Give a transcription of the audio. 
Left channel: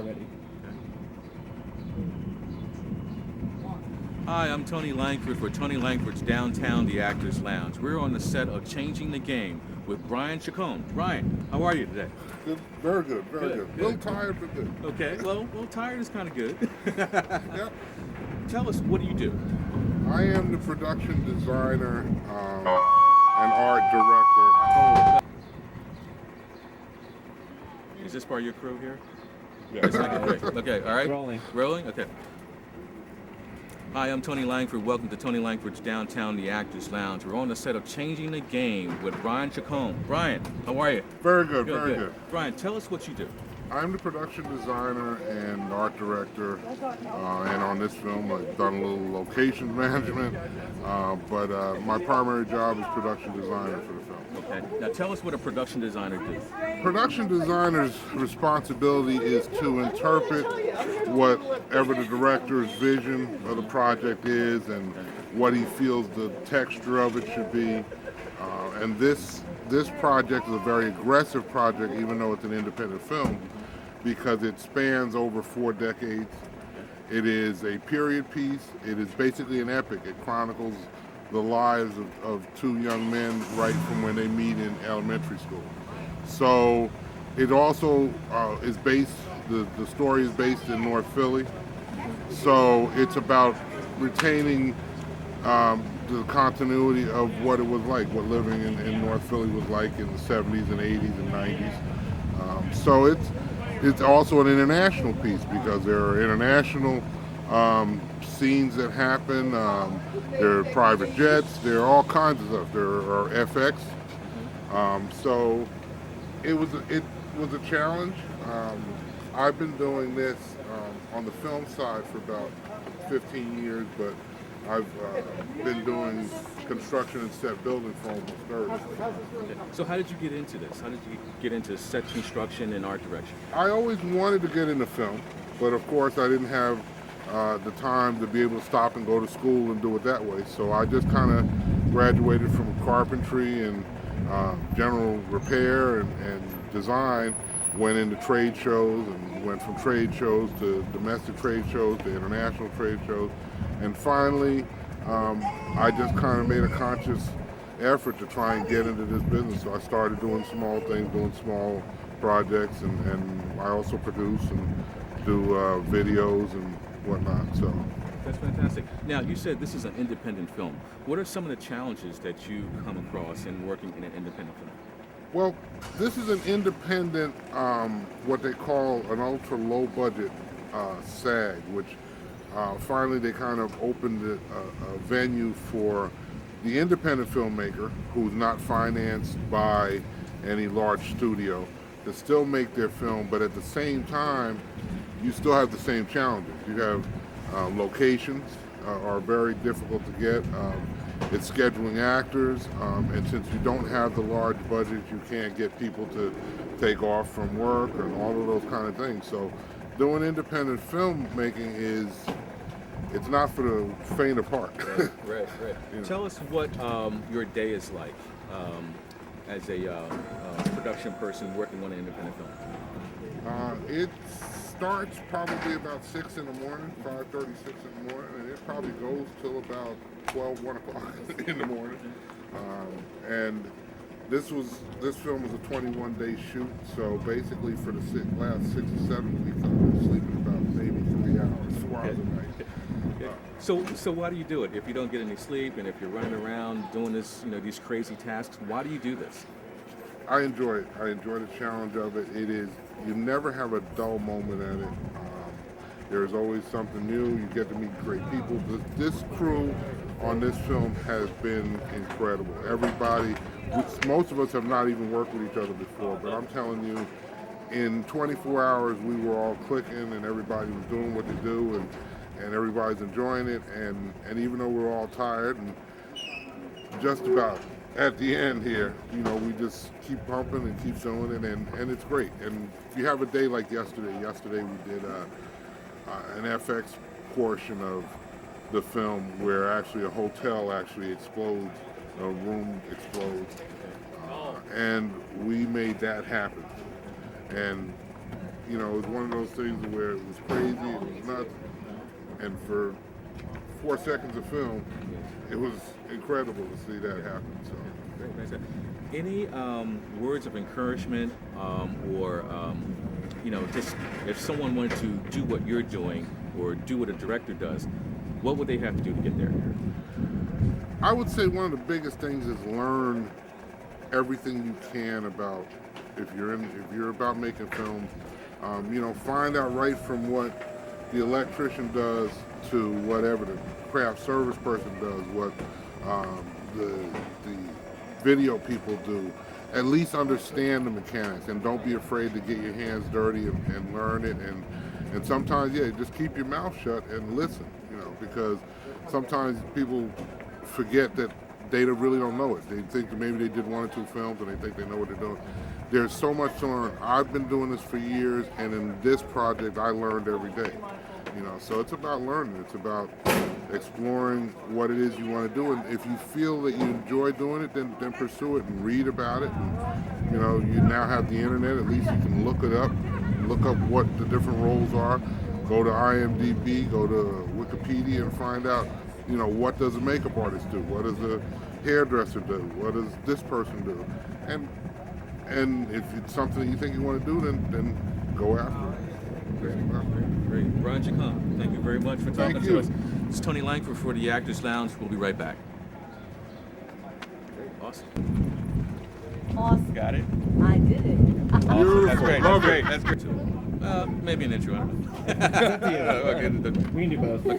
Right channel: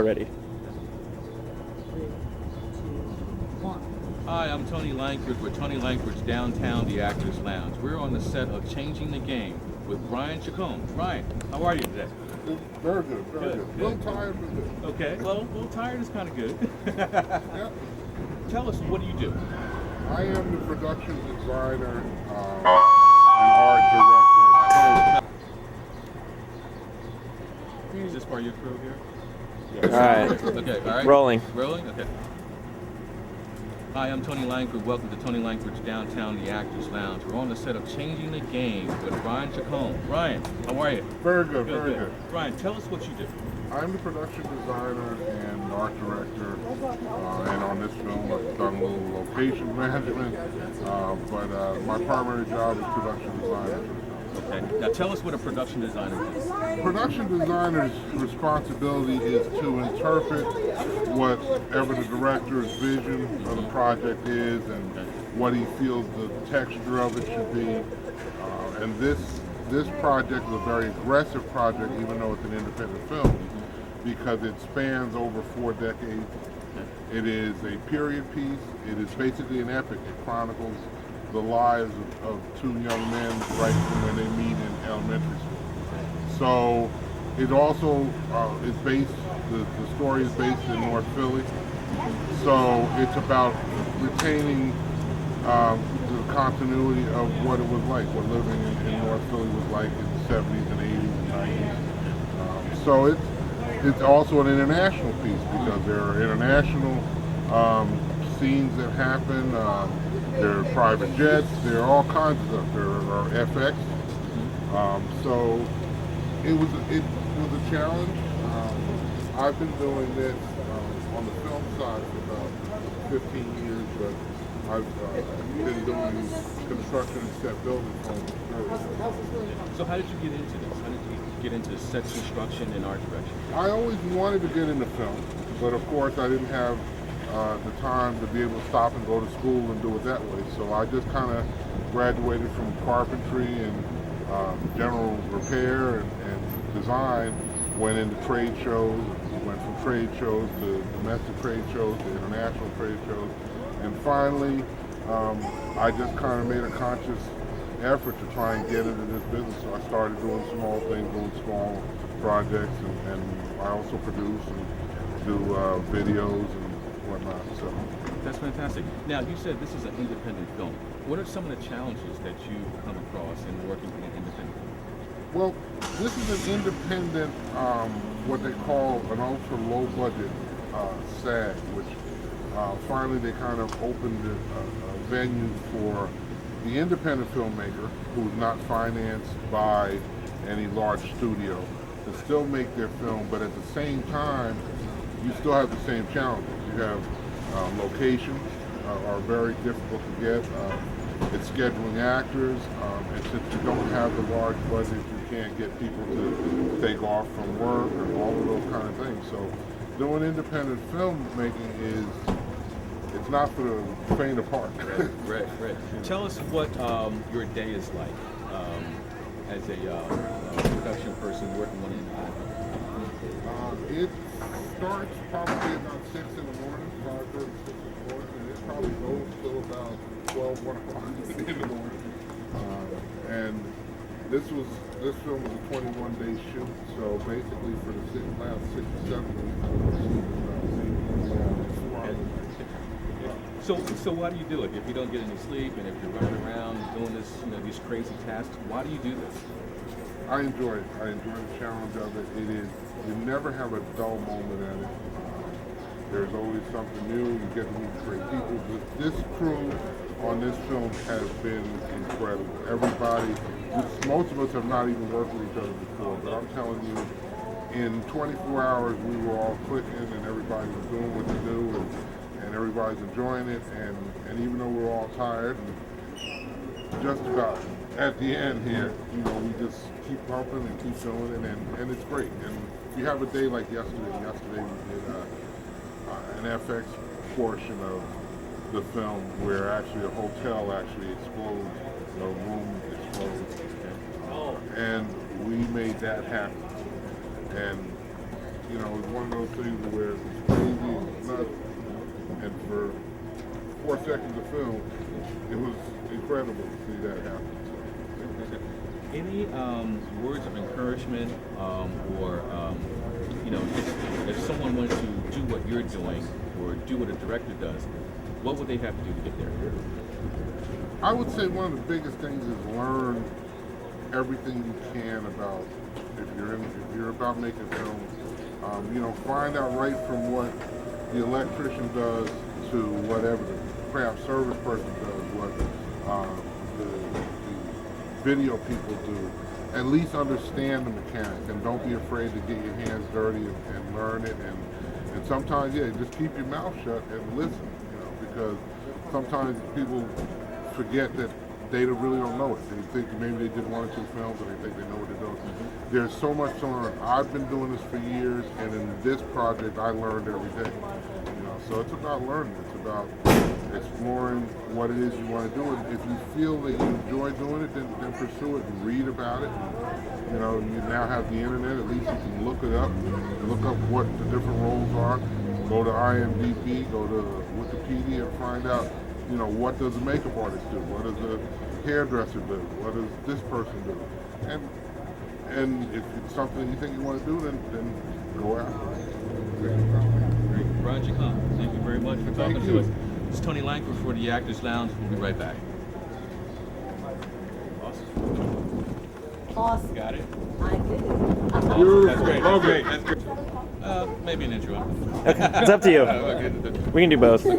already. Hi, I'm Tony Langford for Tony Langford's Downtown The Actors Lounge. We're on the set of Changing the Game with Brian Chacon. Brian, how are you today? Good, very good, very good. A little tired, but good. Okay, well, a little tired is kind of good. Yep. Tell us, what do you do? I am the production designer and art director. Is this part of your crew here? All right. Okay, all right. Rolling. Rolling? Okay. Hi, I'm Tony Langford. Welcome to Tony Langford's Downtown The Actors Lounge. We're on the set of Changing the Game with Brian Chacon. Brian, how are you? Very good, very good. Brian, tell us what you do. I'm the production designer and art director, and on this film I've done a little location management, but my primary job is production designer for the film. Okay. Now tell us what a production designer does. Production designer's responsibility is to interpret whatever the director's vision of the project is and what he feels the texture of it should be. And this project is a very aggressive project, even though it's an independent film, because it spans over 4 decades. It is a period piece. It is basically an epic. It chronicles the lives of 2 young men right from when they meet in elementary school. So it also is based, the story is based in North Philly. So it's about retaining the continuity of what it was like, what living in North Philly was like in the 70s and 80s and 90s. So it's also an international piece because there are international scenes that happen. There are private jets. There are all kinds of stuff. There are FX. So it was a challenge. I've been doing this on the film side for about 15 years, but I've been doing construction and set building for almost 30. So how did you get into this? How did you get into set construction and art direction? I always wanted to get into film, but of course I didn't have the time to be able to stop and go to school and do it that way. So I just kind of graduated from carpentry and general repair and design, went into trade shows and went from trade shows to domestic trade shows to international trade shows. And finally, I just kind of made a conscious effort to try and get into this business. So I started doing small things, doing small projects, and I also produce and do videos and whatnot. So that's fantastic. Now, you said this is an independent film. What are some of the challenges that you come across in working in an independent film? Well, this is an independent, what they call an ultra low budget SAG, which finally they kind of opened a venue for the independent filmmaker who's not financed by any large studio to still make their film, but at the same time, you still have the same challenges. You have locations are very difficult to get. It's scheduling actors, and since you don't have the large budget, you can't get people to take off from work and all of those kind of things. So doing independent filmmaking it's not for the faint of heart. Right. You know. Tell us what your day is like as a production person working on an independent film. It starts probably about 6 in the morning, 5:30, 6 in the morning, and it probably goes till about 12, 1 o'clock in the morning. And this film was a 21-day shoot, so basically for the last 6 or 7 weeks, I was sleeping about maybe 3 hours, 4 hours a night. So why do you do it? If you don't get any sleep and if you're running around doing this, these crazy tasks, why do you do this? I enjoy it. I enjoy the challenge of it. You never have a dull moment at it. There's always something new. You get to meet great people. This crew on this film has been incredible. Everybody, most of us have not even worked with each other before, but I'm telling you, in 24 hours we were all clicking and everybody was doing what to do and everybody's enjoying it, and even though we're all tired and just about at the end here, we just keep pumping and keep doing it, and it's great. And if you have a day like yesterday we did an FX portion of the film where actually a hotel actually explodes, a room explodes, and we made that happen. And you know, it was one of those things where it was crazy, it was nuts, and for 4 seconds of film, it was incredible to see that happen. So. Any words of encouragement or, you know, just if someone wanted to do what you're doing or do what a director does, what would they have to do to get there? I would say one of the biggest things is learn everything you can about if you're about making films. You know, find out right from what the electrician does to whatever the craft service person does, what the video people do. At least understand the mechanics and don't be afraid to get your hands dirty and learn it. And sometimes, yeah, just keep your mouth shut and listen. You know, because sometimes people forget that they really don't know it. They think maybe they did 1 or 2 films and they think they know what they're doing. There's so much to learn. I've been doing this for years, and in this project, I learned every day. You know, so it's about learning. It's about exploring what it is you want to do. And if you feel that you enjoy doing it, then pursue it and read about it. And, you know, you now have the internet. At least you can look it up, look up what the different roles are. Go to IMDb, go to Wikipedia, and find out, you know, what does a makeup artist do? What does a hairdresser do? What does this person do? And if it's something that you think you want to do, then go after it. Great. Brian Chacon, thank you very much for talking to us. This is Tony Langford for the Actors Lounge. We'll be right back. Awesome. Awesome. Got it? I did it. Beautiful. That's great. Love That's it. great. That's great. Maybe an intro. It's up to you. Okay. We can do both.